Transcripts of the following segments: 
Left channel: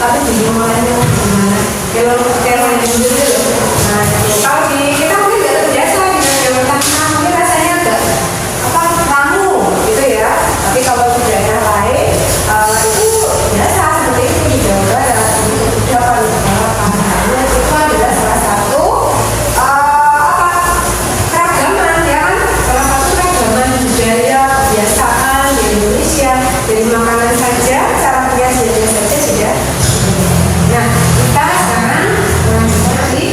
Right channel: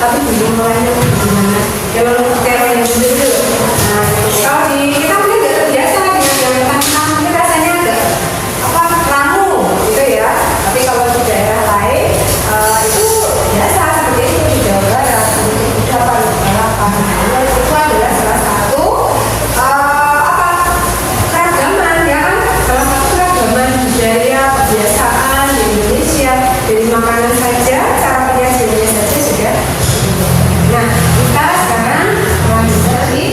tapi bingung mulainya gimana. Kalau kayak dulu, nah kalau di kita mungkin nggak terbiasa dengan jalur tanah, mungkin rasanya agak apa ramu gitu ya. Tapi kalau di daerah lain itu biasa seperti itu di Jawa Barat, di Jawa Barat, itu adalah salah satu keragaman ya kan, salah satu keragaman budaya kebiasaan di Indonesia. Dari makanan saja, cara berhiasnya saja sudah. Nah, kita sekarang lanjut lagi.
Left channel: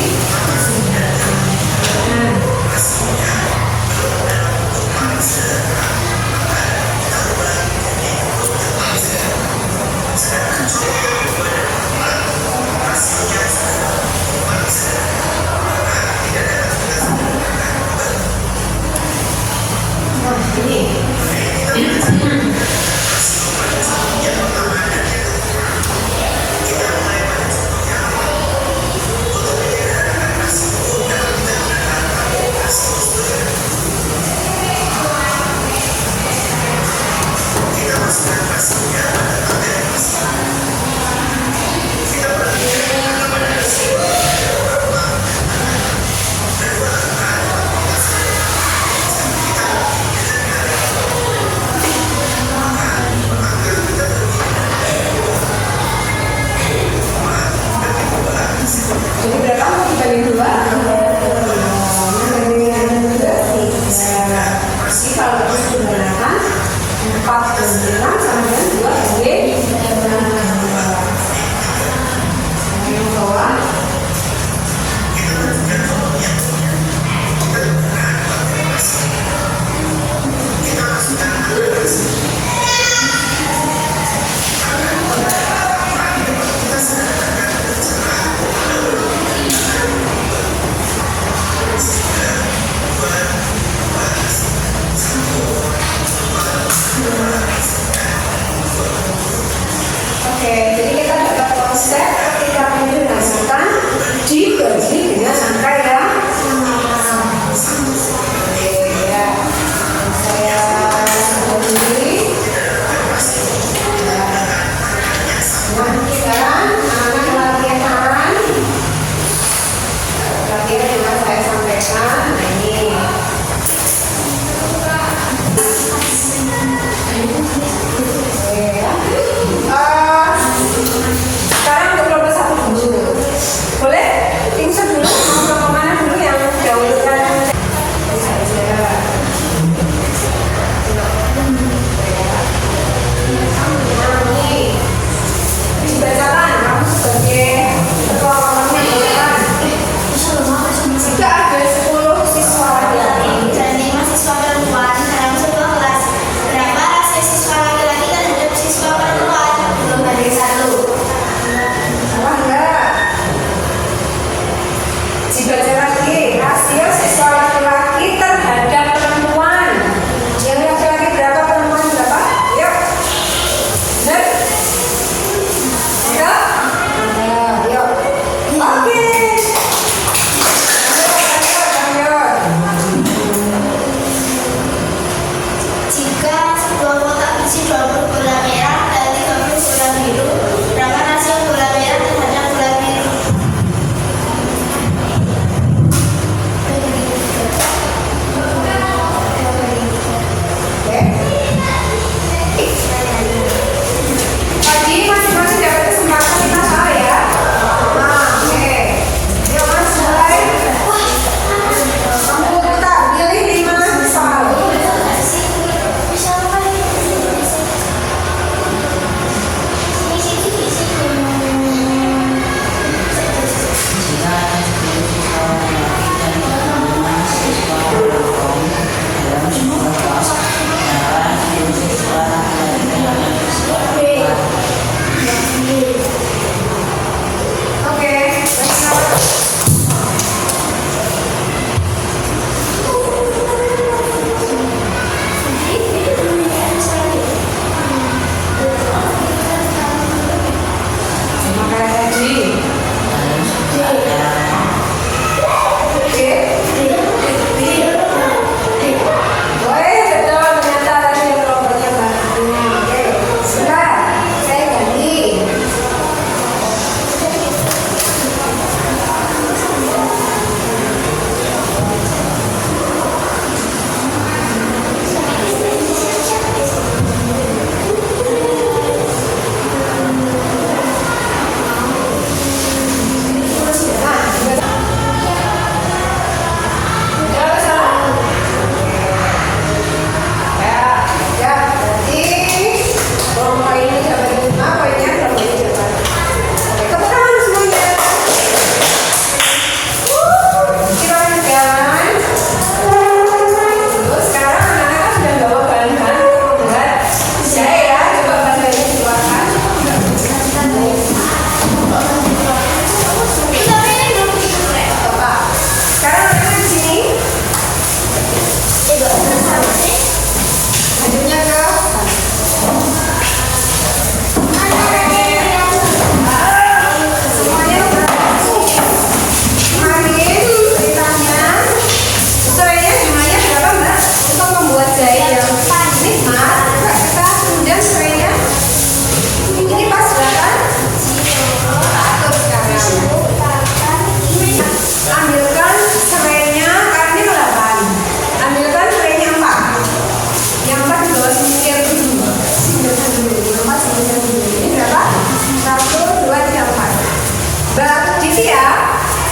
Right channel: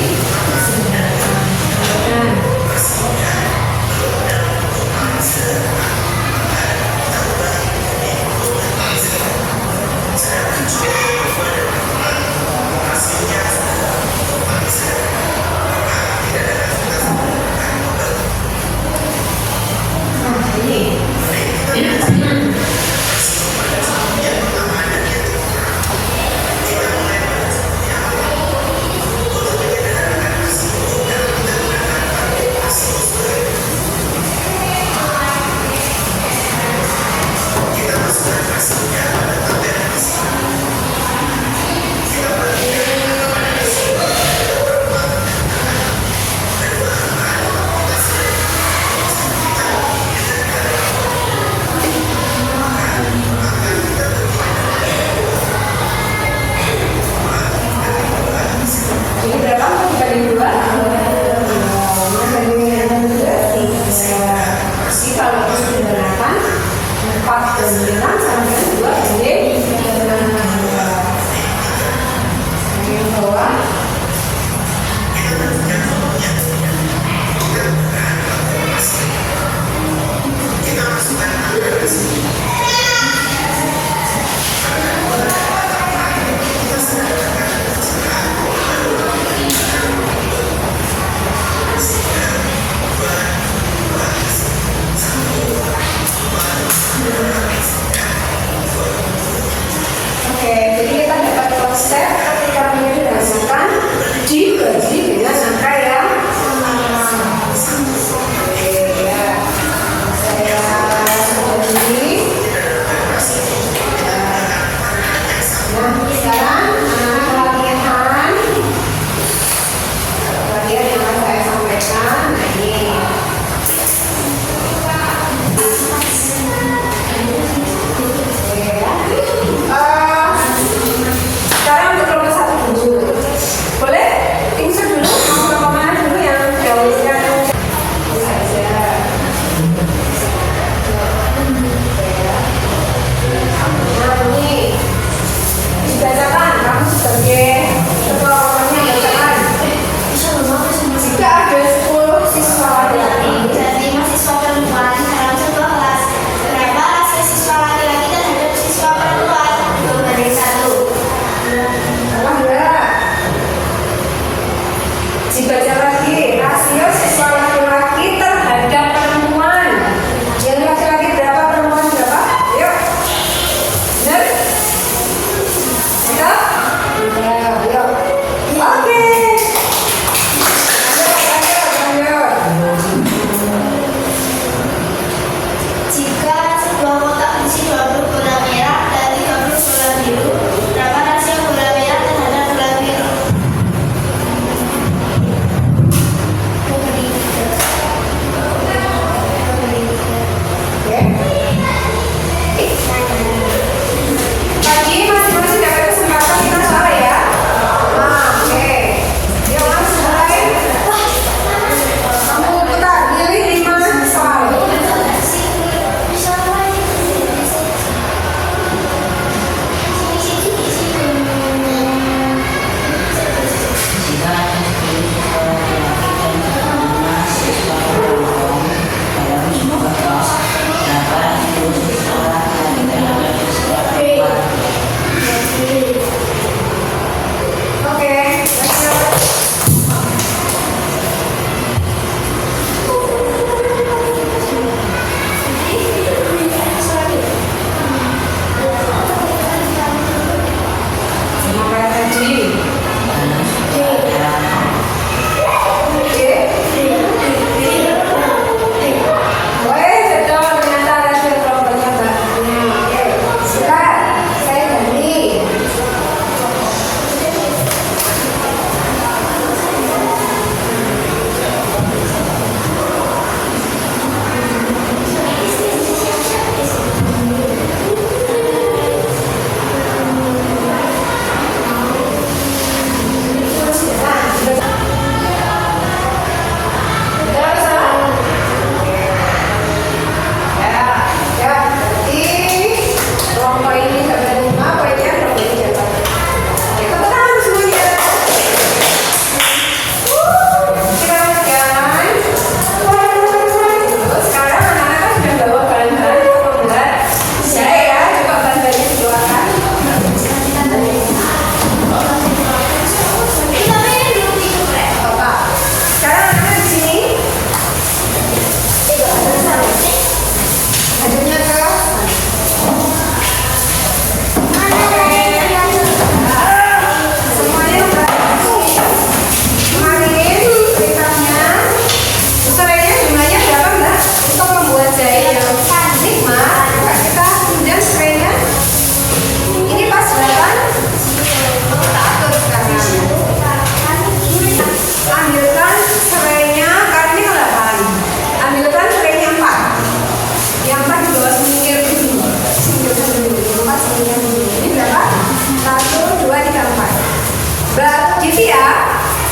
3, 4. Mbak Divya,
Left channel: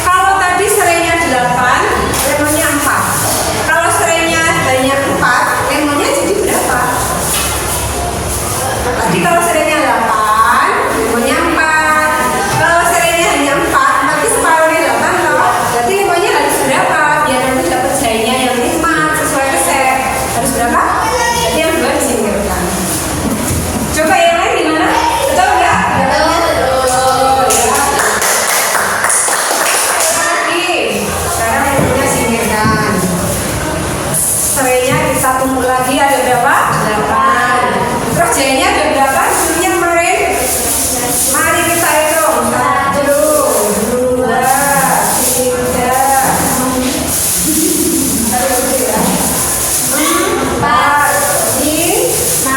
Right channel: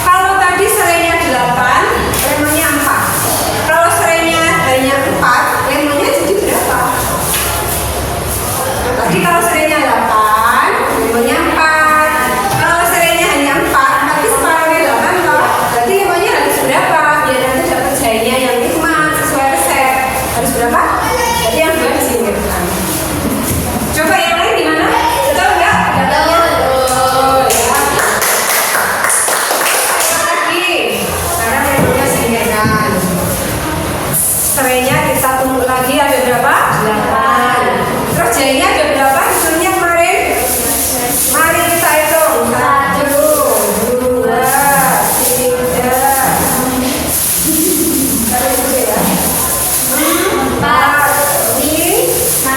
kalau tadi serainya 8, lemonnya 4. Kalau serainya hanya 4, lemonnya jadi berapa? Tadi kalau serainya 8, lemonnya 4. Kalau serainya hanya 4, berarti separuhnya 8 toh. Berarti lemonnya harus berapa? Biar nanti dapat jahenya yang nikmat sesuai resep. Harus berapa? Jadi yang 2 disingkirkan. Coba yang lain gimana? Betul nggak? Betul. Ya. Lagi. Sekarang lemonnya singkirkan. Serainya kita tumbuk lagi ada berapa? 8. Terus jahenya ada berapa? Hasilnya kemarin? Mari kita hitung. 1, 2, 3, 4, 5,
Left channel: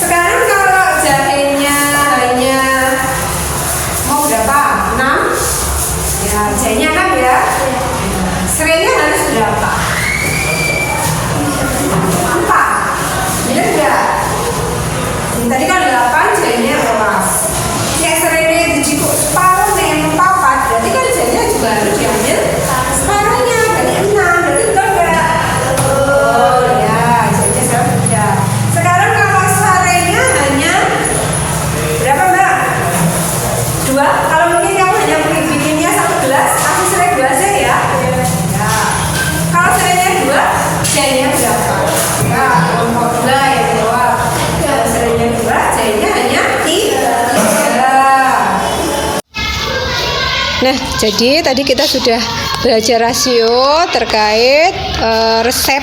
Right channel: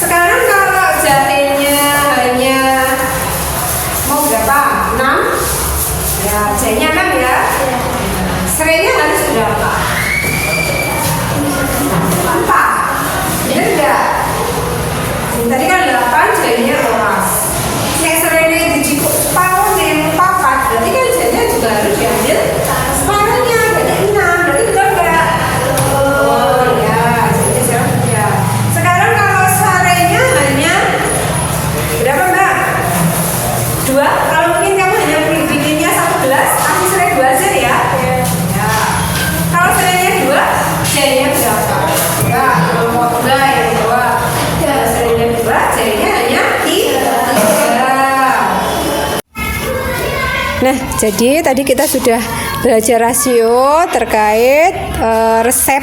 Sekarang kalau jahenya hanya mau berapa? 6? Ya, jahenya 6 ya. Serainya harus berapa? 4. Benar enggak? Tadi kan 8, jahenya rolas. Yang serainya dijikuk separuh dengan 4, berarti kan jahenya juga harus diambil separuhnya. Berarti 6, berarti betul enggak? Oh ya, jahenya sudah. Sekarang kalau serainya hanya berapa Mbak? 2. Kalau mungkin kamu hanya bikinnya 1 gelas, kasih serai 2 aja ya. Ya. Kalau serainya 2, jahenya berapa? Ya, kelompok 2 yang jawab. Kalau serainya 2, jahenya hanya 3. Nah, jadi tadi kita sudah belajar rasio terkait resep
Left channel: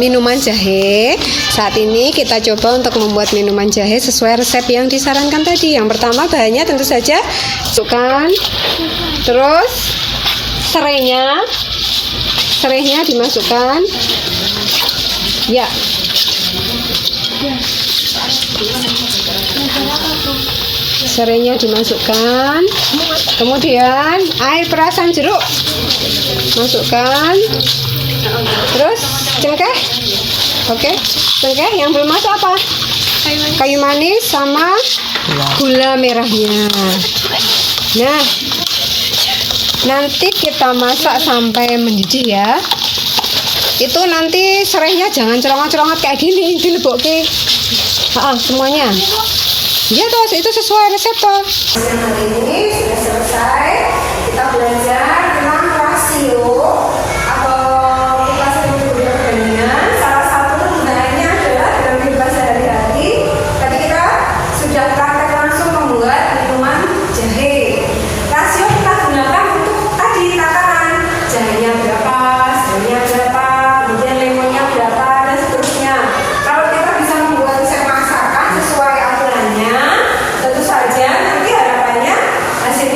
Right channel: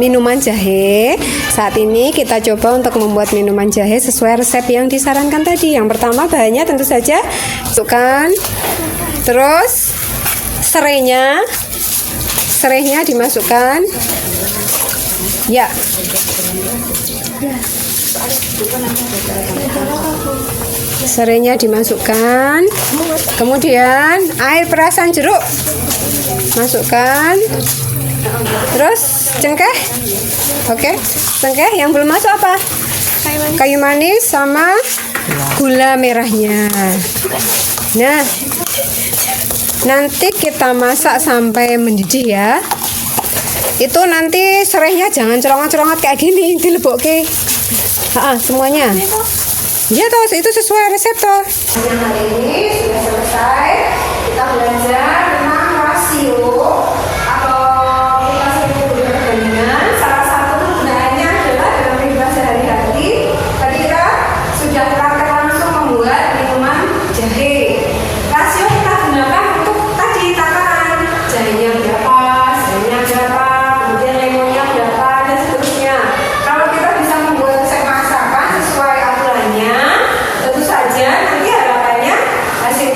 minuman jahe. Saat ini kita coba untuk membuat minuman jahe sesuai resep yang disarankan tadi. Yang pertama bahannya tentu saja masukkan, terus serainya dimasukkan. Ya. Serainya dimasukkan. Kemudian air perasan jeruk masukkan. Terus cengkeh. Oke, cengkeh yang belum masuk apa? Kayu manis sama gula merahnya. Nah, nanti kita masak sampai mendidih ya. Itu nanti serainya jangan cerongat-cerongat kayak gini, dilebokke. Semuanya. Ya toh, itu sesuai resep toh. Hari ini sudah selesai. Kita belajar tentang rasio atau kita sering menyebutnya perbandingan. Salah satu penggunaannya adalah dalam kehidupan sehari-hari. Tadi kita sudah praktek langsung membuat minuman jahe. Rasio kita gunakan untuk tadi takaran jahenya berapa, serainya berapa, kemudian lemonnya berapa dan seterusnya. Kalau kita bisa membuat resep masakan sesuai aturannya, tentu saja nanti harapannya hasilnya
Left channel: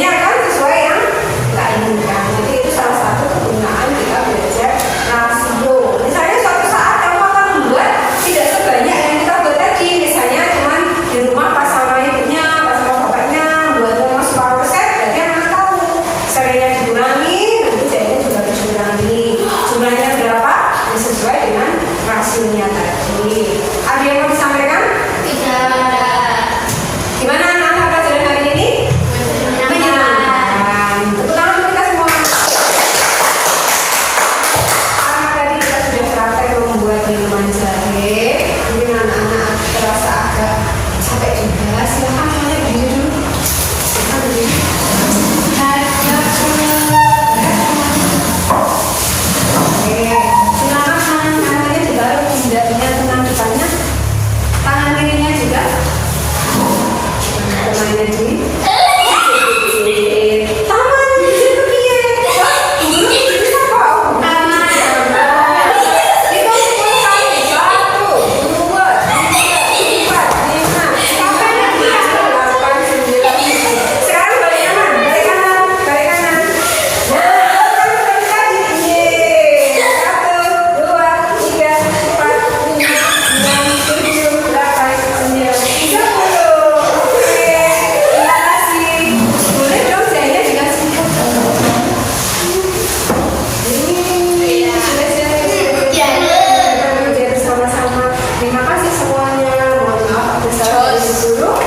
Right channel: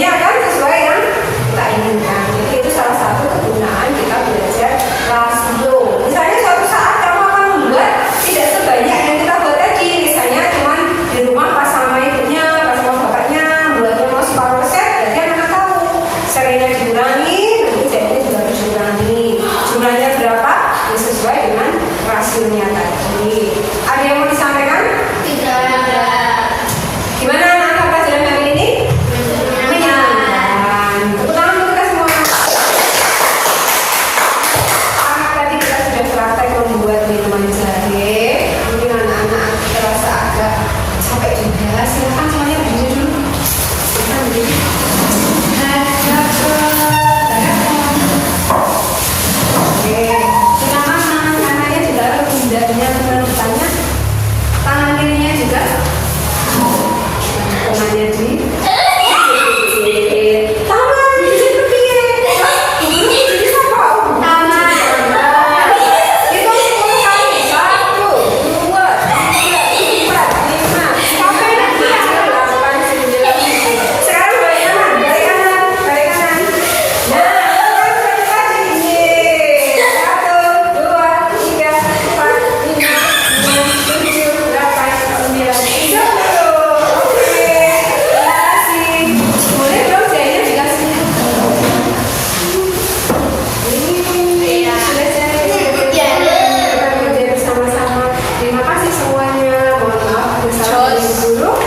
semuanya. Mohon maaf, ada salah dari dulu.